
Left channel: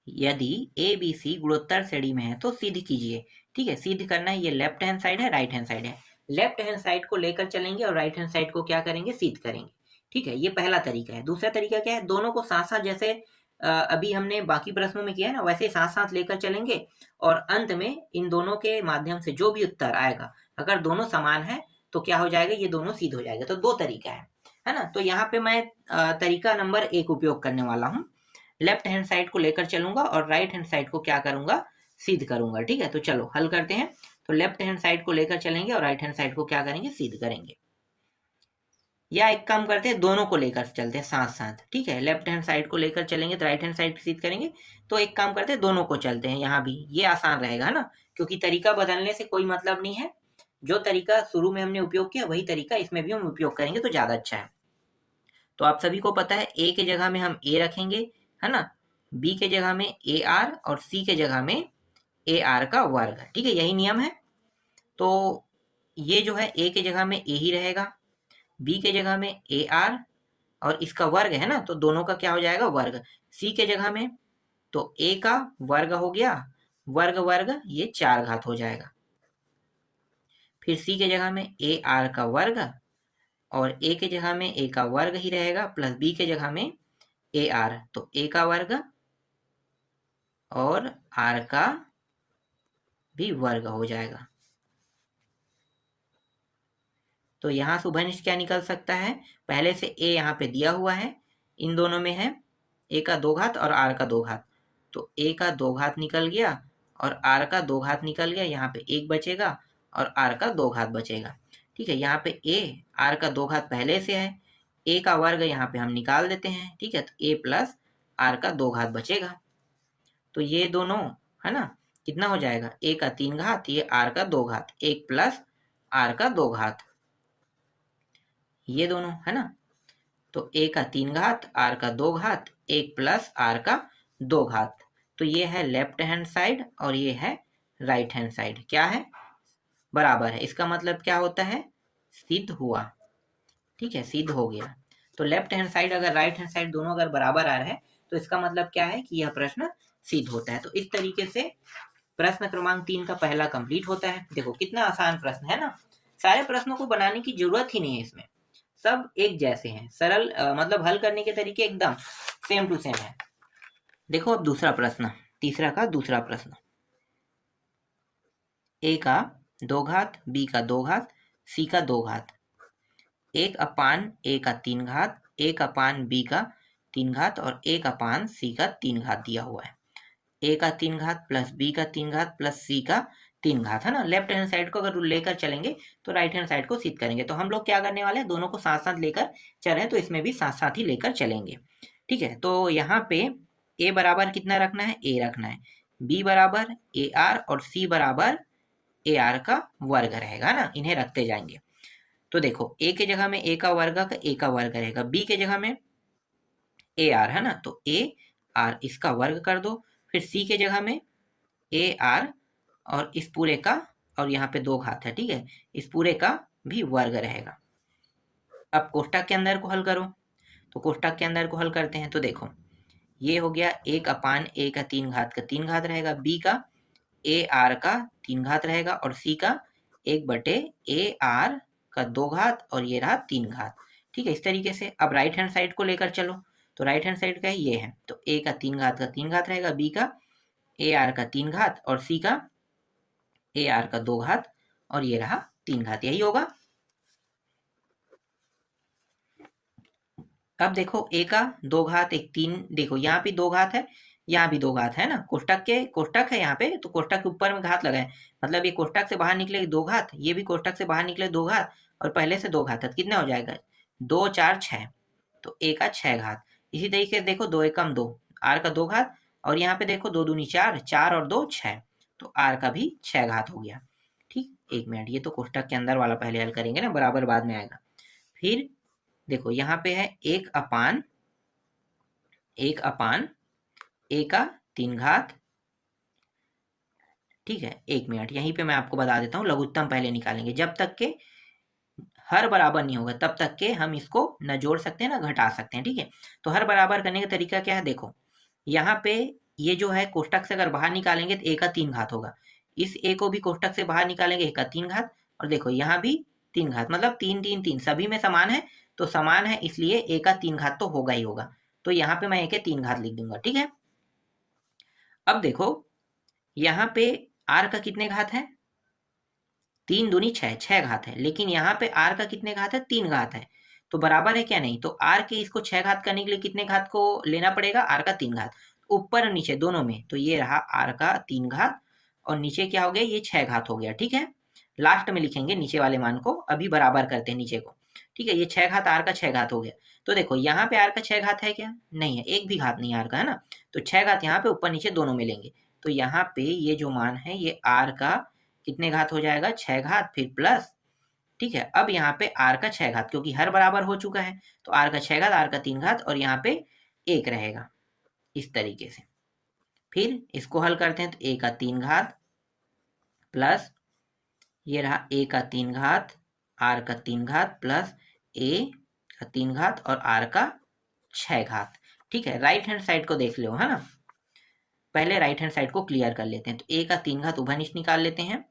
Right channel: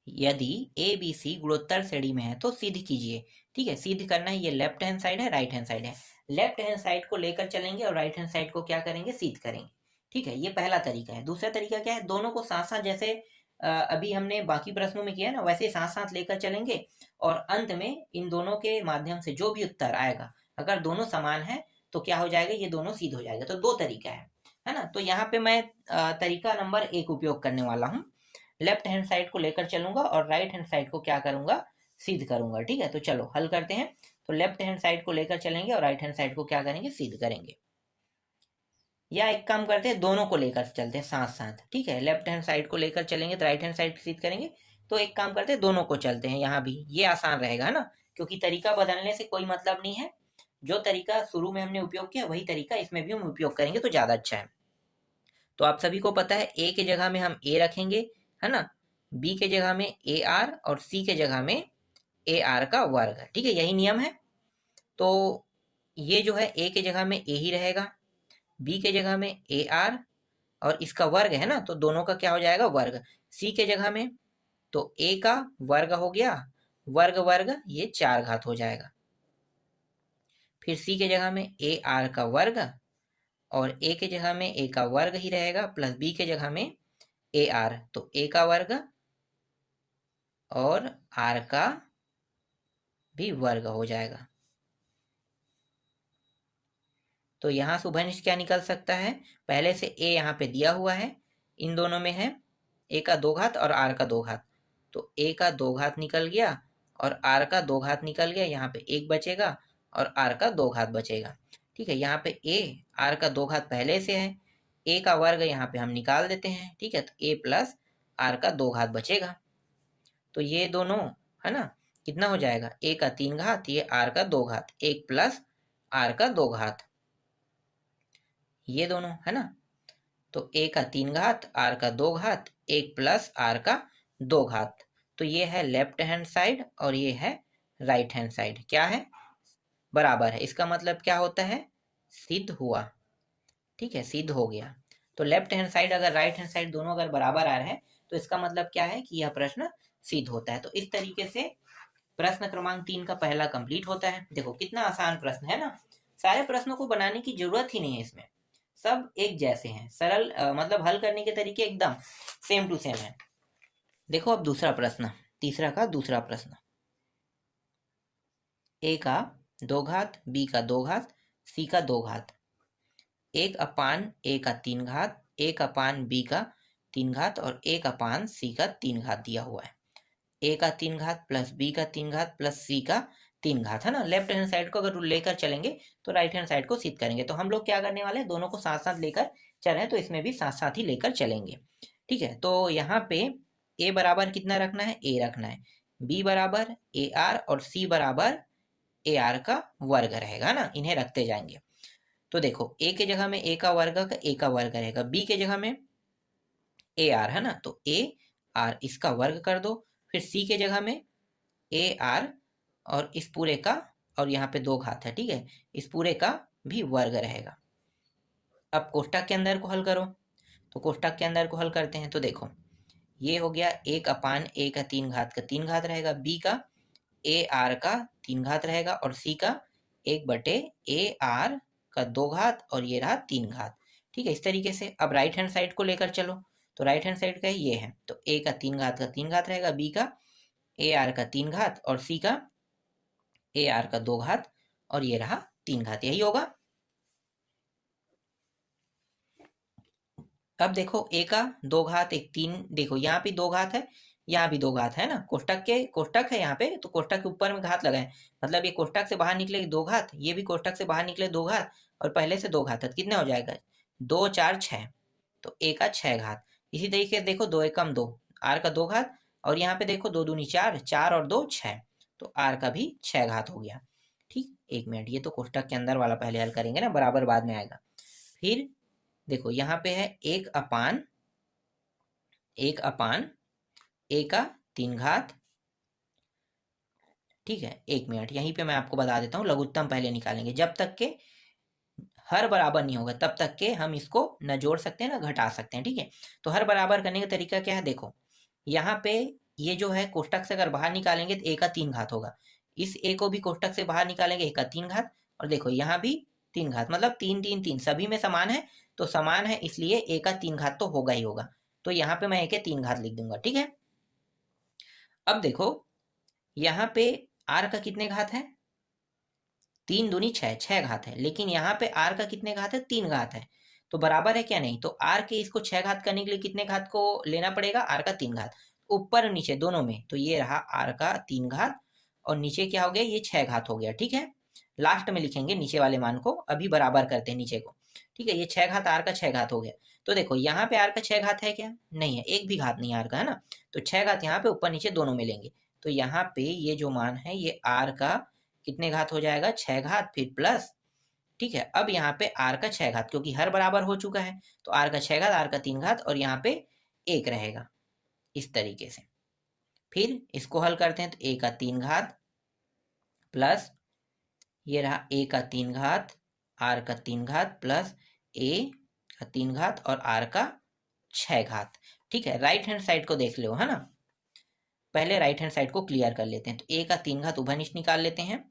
यदि ए बी सी गुणोत्तर श्रेणी में है तो सिद्ध कीजिए, ठीक है। सिद्ध करना है, ये लेफ्ट हैंड साइड है, राइट हैंड साइड है। लेफ्ट हैंड साइड को लेकर चलेंगे और राइट हैंड साइड को क्या करेंगे? सिद्ध करेंगे, ठीक है। ये पहला तरीका है। दूसरा तरीका क्या है? दोनों को साथ साथ, जैसे अभी हमने बाकी प्रश्नों में किया ना, वैसे साथ साथ लेकर चलेंगे और अंत में इन दोनों के माध्यम से जो भी उत्तर आएगा, अगर दोनों समान है तो क्या हो जाएगा? ये दोनों सिद्ध हो जाएगा। तो 2 तरीका है ना। तो यहाँ पे मैं तरीका नंबर 1 उपयोग करने वाला हूँ। लेफ्ट हैंड साइड को लेकर चलूंगा और राइट हैंड साइड को क्या करूंगा? सिद्ध करूंगा, ठीक है। तो चलो हल करते हैं। तो लेफ्ट हैंड साइड को लेकर चलेंगे और राइट हैंड साइड को क्या करेंगे? सिद्ध करेंगे। या एक काम करते हैं, दोनों को लेकर चलते हैं साथ साथ, ठीक है। लेफ्ट हैंड साइड को लेकर चलेंगे तो राइट हैंड साइड सिद्ध करेंगे। तो एक काम करते हैं, दोनों को चलते हैं, यहाँ भी ये आसान रहेगा ना, क्योंकि तरीका बदलने से कोई मतलब नहीं है। जो तरीका शुरू में हमने उपयोग किया वही तरीका इसमें भी हम उपयोग करेंगे तो ज्यादा अच्छा है। तो आप सभी को पता है ए के जगह में हम ए रखेंगे, है ना। बी के जगह में ए आर और सी के जगह में ए आर का वर्ग, ठीक है, यही नियम है। तो ये जो है ए के जगह में ए ही रहेगा, बी के जगह में ए आर और इसका वर्ग है ना, तो दोनों का क्या हो जाएगा? वर्ग। सी के जगह में तो ए का वर्ग हो गया, वर्ग वर्ग ये 4 घात हो जाएगा। फिर सी के जगह में ए आर का वर्ग और ए के जगह में ए का वर्ग ही रहेगा प्लस बी के जगह में ए आर, तो ए का वर्ग और आर का भी वर्ग हो जाएगा। तो यहाँ से उभयनिष्ठ क्या निकल सकता है? पहले से ए यहाँ पे दिया हुआ है, इन दोनों में है ए का 2 घात और आर का 2 घात, तो ए का 2 घात निकल गया और आर का 2 घात निकल गया। यहाँ पे 1 बचेगा और आर का 2 घात बचेगा, ठीक है। यहाँ पे ए आर का 2 घात पहले से है, ए का वर्ग यहाँ पे हम निकाल देते हैं, ठीक है। तो ए प्लस आर का 2 घात बचेगा। तो ये दोनों है ना, कितना हो जाएगा? ए का 3 घात, ये आर का 2 घात, 1 प्लस आर का 2 घात, ये दोनों है ना। तो ए का 3 घात, आर का 2 घात, 1 प्लस आर का 2 घात। तो ये है लेफ्ट हैंड साइड और ये है राइट हैंड साइड, क्या है? बराबर है। इसका मतलब क्या होता है? सिद्ध हुआ, ठीक है, सिद्ध हो गया। तो लेफ्ट हैंड साइड अगर राइट हैंड साइड दोनों अगर बराबर आ रहे हैं तो इसका मतलब क्या है कि यह प्रश्न सिद्ध होता है। तो इस तरीके से प्रश्न क्रमांक 3 का पहला कंप्लीट होता है। देखो कितना आसान प्रश्न है ना, सारे प्रश्नों को बनाने की जरूरत ही नहीं है, इसमें सब एक जैसे हैं, सरल मतलब हल करने के तरीके एकदम सेम टू सेम है। देखो अब दूसरा प्रश्न, तीसरा का दूसरा प्रश्न, a का 2 घात, b का 2 घात, c का 2 घात, 1 अपान a का 3 घात, 1 अपान b का 3 घात और 1 अपान c का 3 घात दिया हुआ है। a का 3 घात प्लस b का 3 घात प्लस c का 3 घात, है ना। लेफ्ट हैंड साइड को अगर लेकर चलेंगे तो राइट हैंड साइड को सिद्ध करेंगे। तो हम लोग क्या करने वाले हैं, दोनों को साथ साथ लेकर चलें, तो इसमें भी साथ साथ ही लेकर चलेंगे। ठीक है, तो यहाँ पे a बराबर कितना रखना है, a रखना है, b बराबर ar और c बराबर ar का वर्ग रहेगा ना, इन्हें रखते जाएंगे। तो देखो a के जगह में a का वर्ग का a का वर्ग रहेगा, b के जगह में ar है ना, तो ar इसका वर्ग कर दो, फिर c के जगह में ar और इस पूरे का, और यहाँ पे 2 घात है, ठीक है, इस पूरे का भी वर्ग रहेगा। अब कोष्टक के अंदर को हल करो, तो कोष्टक के अंदर को हल करते हैं। तो देखो ये हो गया 1 अपान a का 3 घात का 3 घात रहेगा, b का ar का 3 घात रहेगा और c का 1 बटे ar का 2 घात और ये रहा 3 घात। ठीक है, इस तरीके से अब राइट हैंड साइड को लेकर चलो, तो राइट हैंड साइड का ये है, तो a का 3 घात का 3 घात रहेगा, b का ar का 3 घात और c का ar का 2 घात और ये रहा 3 घात, यही होगा। अब देखो a का 2 घात 1 3, देखो यहाँ भी 2 घात है, यहाँ भी 2 घात है ना, कोष्टक है यहाँ पे, तो कोष्टक के ऊपर में घात लगाए, मतलब ये कोष्टक से बाहर निकले 2 घात, ये भी कोष्टक से बाहर निकले 2 घात और पहले से 2 घात है, कितना हो जाएगा 2 4 6, तो a का 6 घात। इसी तरीके से देखो 2 एकम 2, r का 2 घात और यहाँ पे देखो 2 दूनी 4, 4 और 2 6, तो r का भी 6 घात हो गया। ठीक, 1 मिनट, ये तो कोष्टक के अंदर वाला पहले हल करेंगे ना, बराबर बाद में आएगा। फिर देखो यहाँ पे है 1 अपान a का 3 घात। ठीक है, 1 मिनट, यहीं पे मैं आपको बता देता हूँ, लघुत्तम पहले निकालेंगे, जब तक के हर बराबर नहीं होगा तब तक के हम इसको न जोड़ सकते हैं ना घटा सकते हैं। ठीक है, तो हर बराबर करने का तरीका क्या है, देखो यहाँ पे ये जो है कोष्टक से अगर बाहर निकालेंगे तो a का 3 घात होगा, इस a को भी कोष्टक से बाहर निकालेंगे a का 3 घात और देखो यहाँ भी 3 घात, मतलब 3 3 3 सभी में समान है, तो समान है इसलिए a का 3 घात तो होगा ही होगा, तो यहाँ पे मैं a के 3 घात लिख दूंगा। ठीक है, अब देखो यहाँ पे r का कितने घात है, 3 दूनी 6, 6 घात है, लेकिन यहाँ पे r का कितने घात है, 3 घात है, तो बराबर है क्या, नहीं, तो r के इसको 6 घात करने के लिए कितने घात को लेना पड़ेगा, r का 3 घात, ऊपर और नीचे दोनों में, तो ये रहा r का 3 घात और नीचे क्या हो गया, ये 6 घात हो गया। ठीक है, लास्ट में लिखेंगे नीचे वाले मान को, अभी बराबर करते हैं नीचे को। ठीक है, ये 6 घात r का 6 घात हो गया, तो देखो यहाँ पे r का 6 घात है क्या, नहीं है, एक भी घात नहीं r का, है ना, तो 6 घात यहाँ पे ऊपर नीचे दोनों में लेंगे, तो यहाँ पे ये जो मान है ये r का कितने घात हो जाएगा, 6 घात, फिर प्लस। ठीक है, अब यहाँ पे r का 6 घात, क्योंकि हर बराबर हो चुका है, तो r का 6 घात, r का 3 घात और यहाँ पे 1 रहेगा, इस तरीके से। फिर इसको हल करते हैं, तो a का 3 घात प्लस ये रहा a का 3 घात, r का 3 घात प्लस a का 3 घात और r का 6 घात। ठीक है, राइट हैंड साइड को देख लो, है ना, पहले राइट हैंड साइड को क्लियर कर लेते हैं, तो a का 3 घात उभयनिष्ठ निकाल लेते हैं,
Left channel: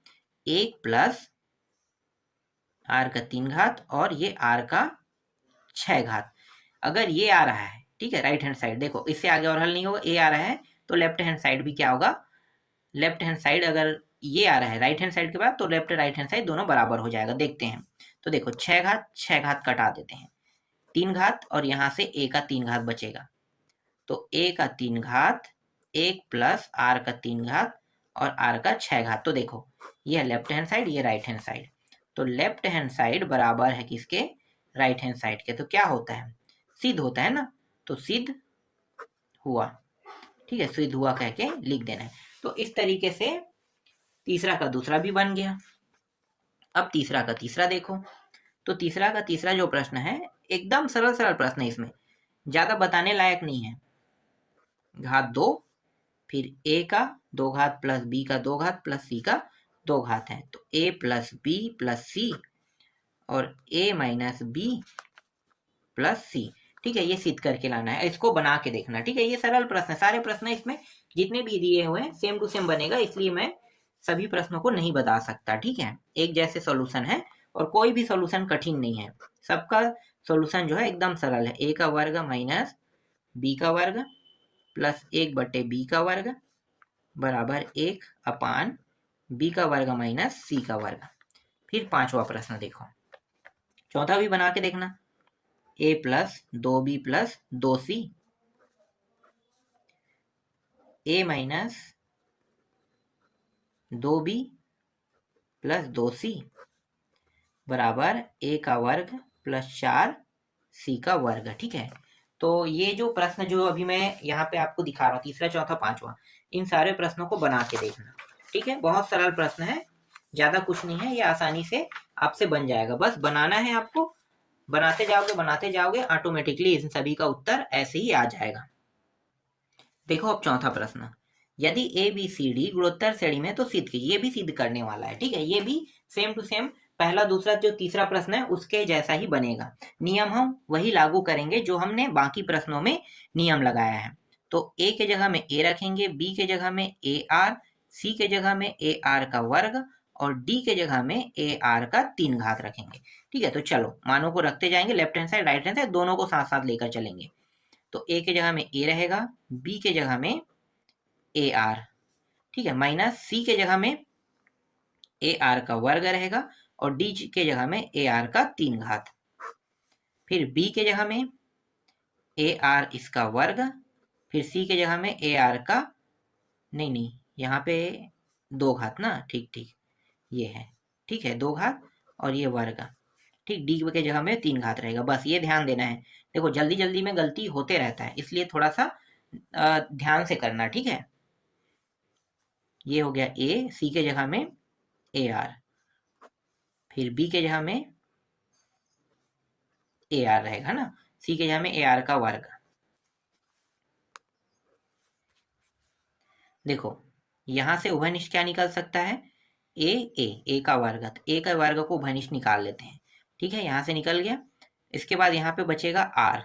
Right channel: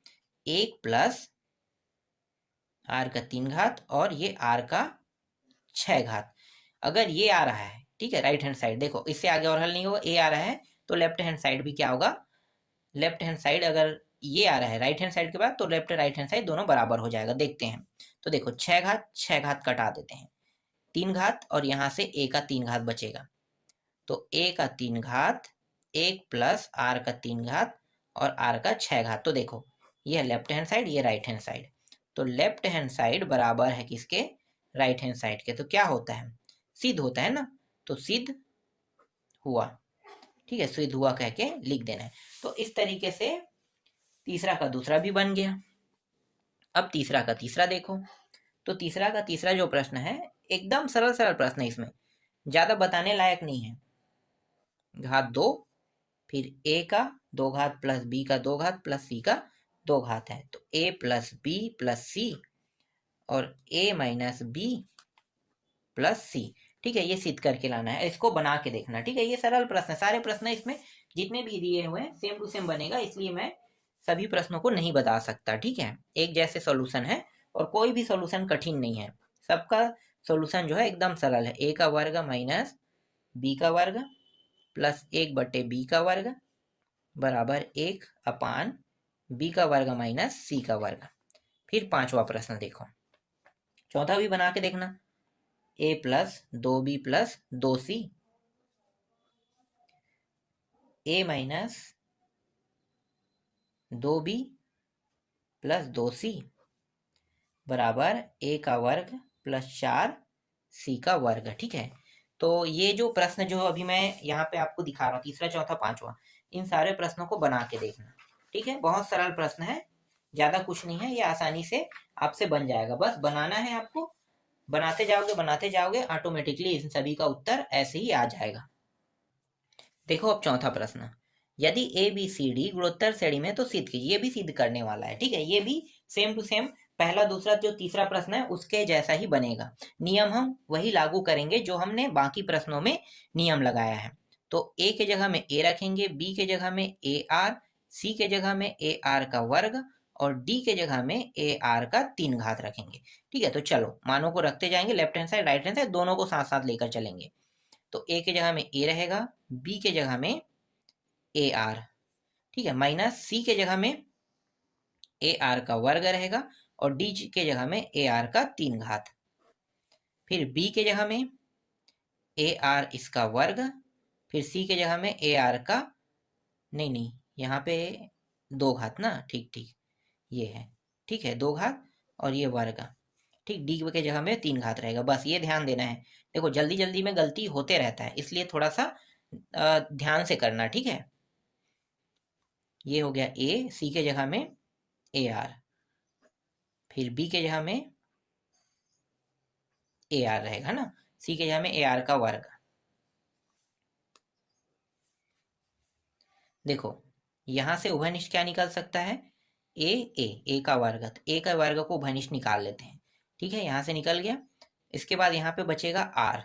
1 प्लस r का 3 घात और ये r का 6 घात। अगर ये आ रहा है, ठीक है, राइट हैंड साइड देखो, इससे आगे और हल नहीं होगा, a आ रहा है तो लेफ्ट हैंड साइड भी क्या होगा, लेफ्ट हैंड साइड अगर ये आ रहा है राइट हैंड साइड के बाद, तो लेफ्ट राइट हैंड साइड दोनों बराबर हो जाएगा। देखते हैं, तो देखो 6 घात 6 घात कटा देते हैं, 3 घात और यहाँ से a का 3 घात बचेगा, तो a का 3 घात 1 प्लस r का 3 घात और r का 6 घात। तो देखो ये है लेफ्ट हैंड साइड, ये राइट हैंड साइड, तो लेफ्ट हैंड साइड बराबर है किसके, राइट हैंड साइड के, तो क्या होता है, सिद्ध होता है ना, तो सिद्ध हुआ। ठीक है, सिद्ध हुआ कह के लिख देना है। तो इस तरीके से तीसरा का दूसरा भी बन गया। अब तीसरा का तीसरा देखो, तो तीसरा का तीसरा जो प्रश्न है एकदम सरल सरल प्रश्न है, इसमें ज्यादा बताने लायक नहीं है। घात 2, फिर a का 2 घात प्लस b का 2 घात प्लस c का 2 घात है, तो a plus b plus c और a minus b plus c। ठीक है, ये सिद्ध करके लाना है, इसको बना के देखना। ठीक है, ये सरल प्रश्न है, सारे प्रश्न इसमें जितने भी दिए हुए हैं सेम टू सेम बनेगा, इसलिए मैं सभी प्रश्नों को नहीं बता सकता। ठीक है, एक जैसे सॉल्यूशन है और कोई भी सॉल्यूशन कठिन नहीं है, सबका सॉल्यूशन जो है एकदम सरल है। ए का वर्ग माइनस बी का वर्ग प्लस 1/b का वर्ग बराबर 1/, बी का वर्ग माइनस सी का वर्ग। फिर पांचवा प्रश्न देखो, चौथा भी बना के देखना। a plus 2b plus 2c, a minus 2b plus 2c बराबर a का वर्ग प्लस 4c का वर्ग। ठीक है, तो ये जो प्रश्न जो अभी मैं यहाँ पे आपको दिखा रहा हूँ, तीसरा चौथा पांचवा, इन सारे प्रश्नों को बना के देखना। ठीक है, बहुत सरल प्रश्न है, ज्यादा कुछ नहीं है, ये आसानी से आपसे बन जाएगा, बस बनाना है आपको। बनाते जाओगे ऑटोमेटिकली इन सभी का उत्तर ऐसे ही आ जाएगा। देखो अब चौथा प्रश्न, यदि ए बी सी डी गुणोत्तर श्रेणी में तो सिद्ध कीजिए। ये भी सिद्ध करने वाला है। ठीक है, ये भी सेम टू सेम पहला दूसरा जो तीसरा प्रश्न है उसके जैसा ही बनेगा। नियम हम वही लागू करेंगे जो हमने बाकी प्रश्नों में नियम लगाया है। तो ए के जगह में ए रखेंगे, बी के जगह में ए आर, सी के जगह में ए आर का वर्ग और डी के जगह में ए आर का 3 घात रखेंगे। ठीक है, तो चलो मानों को रखते जाएंगे, left hand side right hand side दोनों को साथ साथ लेकर चलेंगे। तो ए के जगह में ए रहेगा, बी के जगह में ए आर, ठीक है, माइनस सी के जगह में ए आर का वर्ग रहेगा और डी के जगह में ए आर का 3 घात। फिर बी के जगह में ए आर इसका वर्ग, फिर सी के जगह में ए आर का नहीं यहाँ पे 2 घात ना, ठीक ये है, ठीक है 2 घात और ये वर्ग। ठीक, डी के जगह में 3 घात रहेगा, बस ये ध्यान देना है। देखो जल्दी जल्दी में गलती होते रहता है, इसलिए थोड़ा सा ध्यान से करना। ठीक है, ये हो गया ए, सी के जगह में ए आर, फिर बी के जगह में ए आर रहेगा ना, सी के जगह में ए आर का वर्ग। देखो यहां से उभयनिष्ठ क्या निकल सकता है, ए का वर्ग, ए का वर्ग को उभयनिष्ठ निकाल लेते हैं। ठीक है, यहां से निकल गया। इसके बाद यहाँ पे बचेगा आर।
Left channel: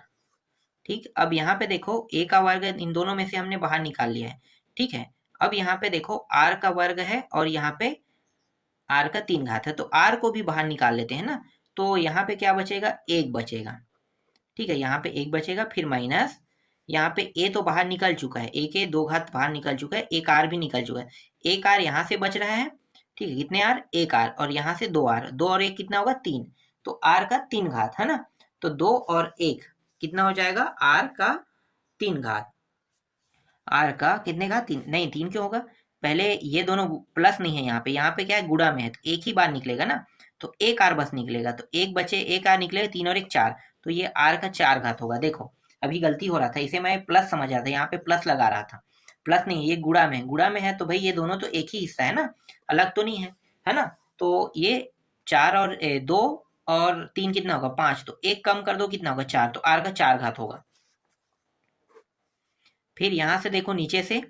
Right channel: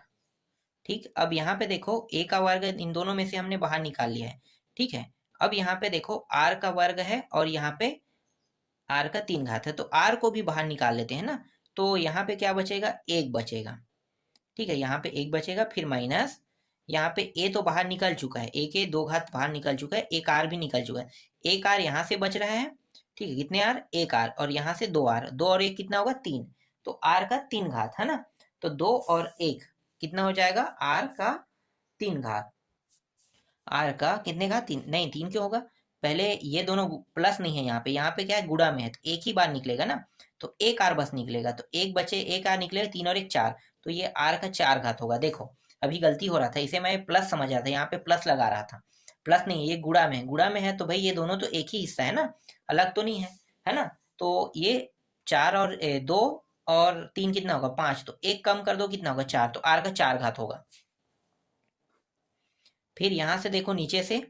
ठीक, अब यहाँ पे देखो ए का वर्ग इन दोनों में से हमने बाहर निकाल लिया है। ठीक है, अब यहाँ पे देखो आर का वर्ग है और यहाँ पे आर का 3 घात है, तो आर को भी बाहर निकाल लेते हैं ना। तो यहाँ पे क्या बचेगा, 1 बचेगा। ठीक है, यहाँ पे 1 बचेगा, फिर माइनस यहाँ पे ए तो बाहर निकल चुका है, ए के 2 घात बाहर निकल चुका है, एक आर भी निकल चुका है, एक आर यहाँ से बच रहा है। ठीक है, कितने आर, एक आर, और यहाँ से 2 आर, 2 और 1 कितना होगा 3, तो आर का 3 घात है ना। तो 2 और 1 कितना हो जाएगा, आर का 3 घात। आर का कितने घात, 3 नहीं, 3 क्यों होगा, पहले ये दोनों प्लस नहीं है, यहाँ पे क्या है गुणा में है, तो एक ही बार निकलेगा ना, तो एक आर बस निकलेगा, तो एक बचे एक आर निकलेगा, 3 और 1 4, तो ये आर का 4 घात होगा। देखो अभी गलती हो रहा था, इसे मैं प्लस समझ रहा था, यहाँ पे प्लस लगा रहा था, प्लस नहीं, ये गुणा में है, तो भाई ये दोनों तो एक ही हिस्सा है ना, अलग तो नहीं है ना। तो ये 4 और 2 और 3 कितना होगा 5, तो एक कम कर दो कितना होगा 4, तो आर का 4 घात होगा। फिर यहां से देखो नीचे से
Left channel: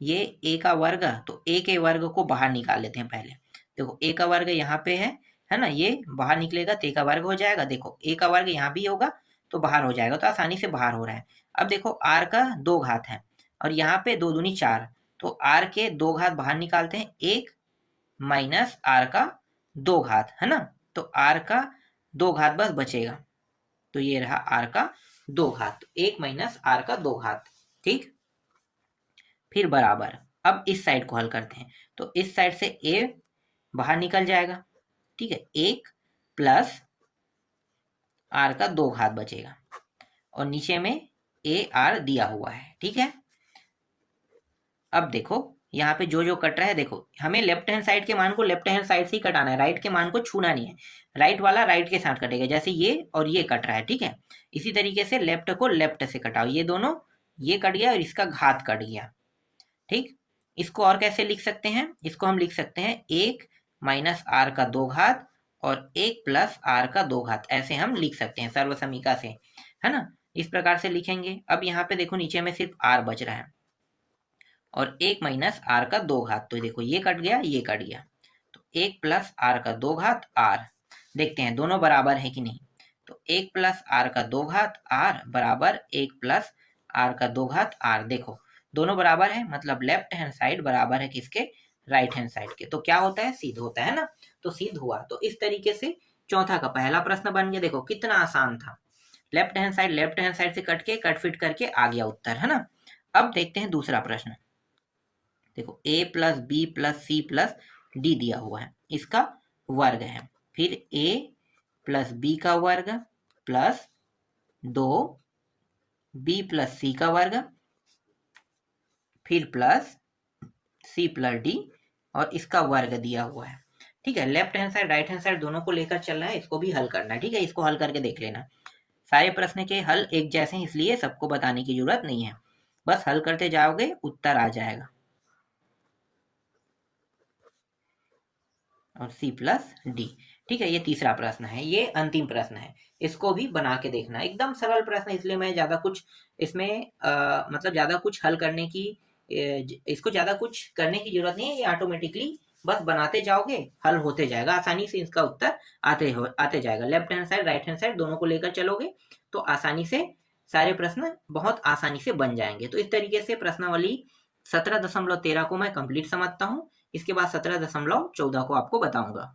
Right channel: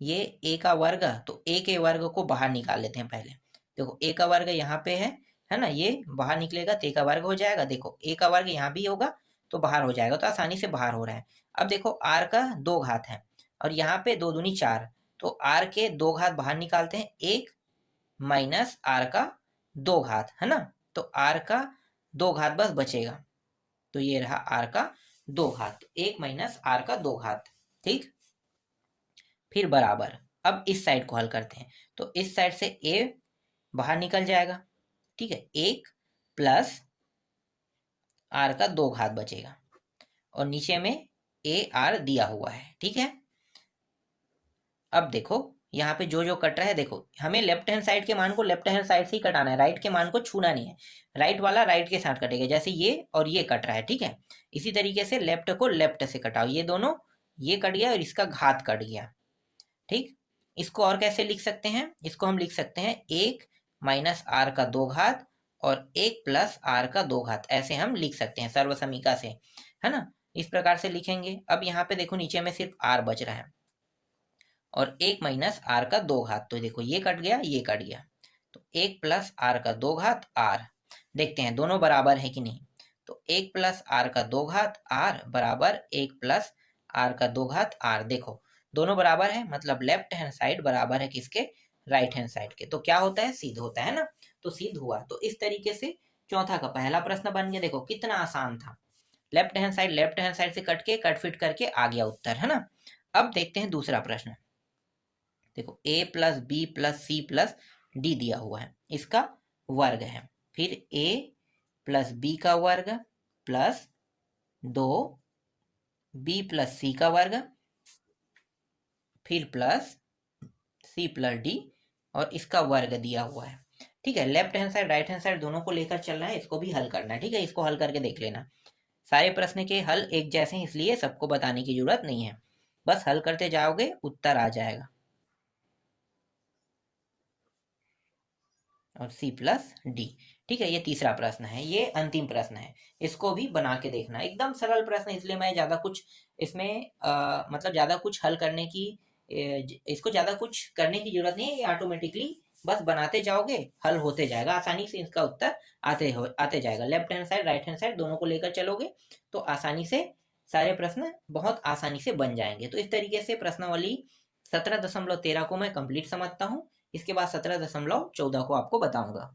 ये ए का वर्ग, तो ए के वर्ग को बाहर निकाल लेते हैं पहले। देखो ए का वर्ग यहाँ पे है ना, ये बाहर निकलेगा तो ए का वर्ग हो जाएगा। देखो ए का वर्ग यहाँ भी होगा तो बाहर हो जाएगा, तो आसानी से बाहर हो रहा है। अब देखो आर का 2 घात है और यहाँ पे 2 दूनी 4, तो आर के 2 घात बाहर निकालते हैं, 1 माइनस आर का 2 घात है ना, तो आर का 2 घात बस बचेगा, तो ये रहा आर का 2 घात, 1 माइनस आर का 2 घात। ठीक, फिर बराबर, अब इस साइड को हल करते हैं, तो इस साइड से ए बाहर निकल जाएगा। ठीक है, 1 प्लस आर का 2 घात बचेगा और नीचे में ए आर दिया हुआ है। ठीक है, अब देखो यहाँ पे जो जो कट रहा है, देखो हमें लेफ्ट हैंड साइड के मान को लेफ्ट हैंड साइड से ही कटाना है, राइट के मान को छूना नहीं है, राइट वाला राइट के साथ कटेगा, जैसे ये और ये कट रहा है। ठीक है, इसी तरीके से लेफ्ट को लेफ्ट से कटाओ, ये दोनों ये कट गया और इसका घात कट गया। ठीक, इसको और कैसे लिख सकते हैं, इसको हम लिख सकते हैं 1 माइनस आर का 2 घात और 1 प्लस आर का 2 घात, ऐसे हम लिख सकते हैं सर्वसमीका से, है ना, इस प्रकार से लिखेंगे। अब यहाँ पे देखो नीचे में सिर्फ आर बच रहा है और 1 माइनस आर का 2 घात, तो देखो ये कट गया ये कट गया, तो 1 प्लस आर का 2 घात आर। देखते हैं दोनों बराबर है कि नहीं, तो 1 प्लस आर का 2 घात आर बराबर 1 प्लस आर का 2 घात आर। देखो दोनों बराबर है, मतलब लेफ्ट हैंड साइड बराबर है किसके, राइट हैंड साइड के। तो क्या होता है, सिद्ध होता है ना, तो सिद्ध हुआ। तो इस तरीके से चौथा का पहला प्रश्न बन गया। देखो कितना आसान था, लेफ्ट हैंड साइड से कट फिट करके आ गया उत्तर, है ना। अब देखते हैं दूसरा प्रश्न। देखो a plus B plus C plus D दिया हुआ है, इसका वर्ग है, फिर a प्लस बी का वर्ग प्लस 2b प्लस सी का वर्ग, फिर प्लस c प्लस डी और इसका वर्ग दिया हुआ है। ठीक है, left hand side right hand side दोनों को लेकर चलना है, इसको भी हल करना है। ठीक है, इसको हल करके देख लेना। सारे प्रश्न के हल एक जैसे हैं, इसलिए सबको बताने की जरूरत नहीं है, बस हल करते जाओगे उत्तर आ जाएगा। और C प्लस डी। ठीक है, ये तीसरा प्रश्न है, ये अंतिम प्रश्न है, इसको भी बना के देखना। एकदम सरल प्रश्न, इसलिए मैं ज्यादा कुछ इसमें मतलब ज्यादा कुछ हल करने की इसको ज्यादा कुछ करने की जरूरत नहीं है, ये ऑटोमेटिकली बस बनाते जाओगे हल होते जाएगा, आसानी से इसका उत्तर आते जाएगा। Left hand side right hand side दोनों को लेकर चलोगे तो आसानी से सारे प्रश्न बहुत आसानी से बन जाएंगे। तो इस तरीके से प्रश्नावली 17.13 को मैं कंप्लीट समझता हूँ। इसके बाद 17.14 को आपको बताऊंगा।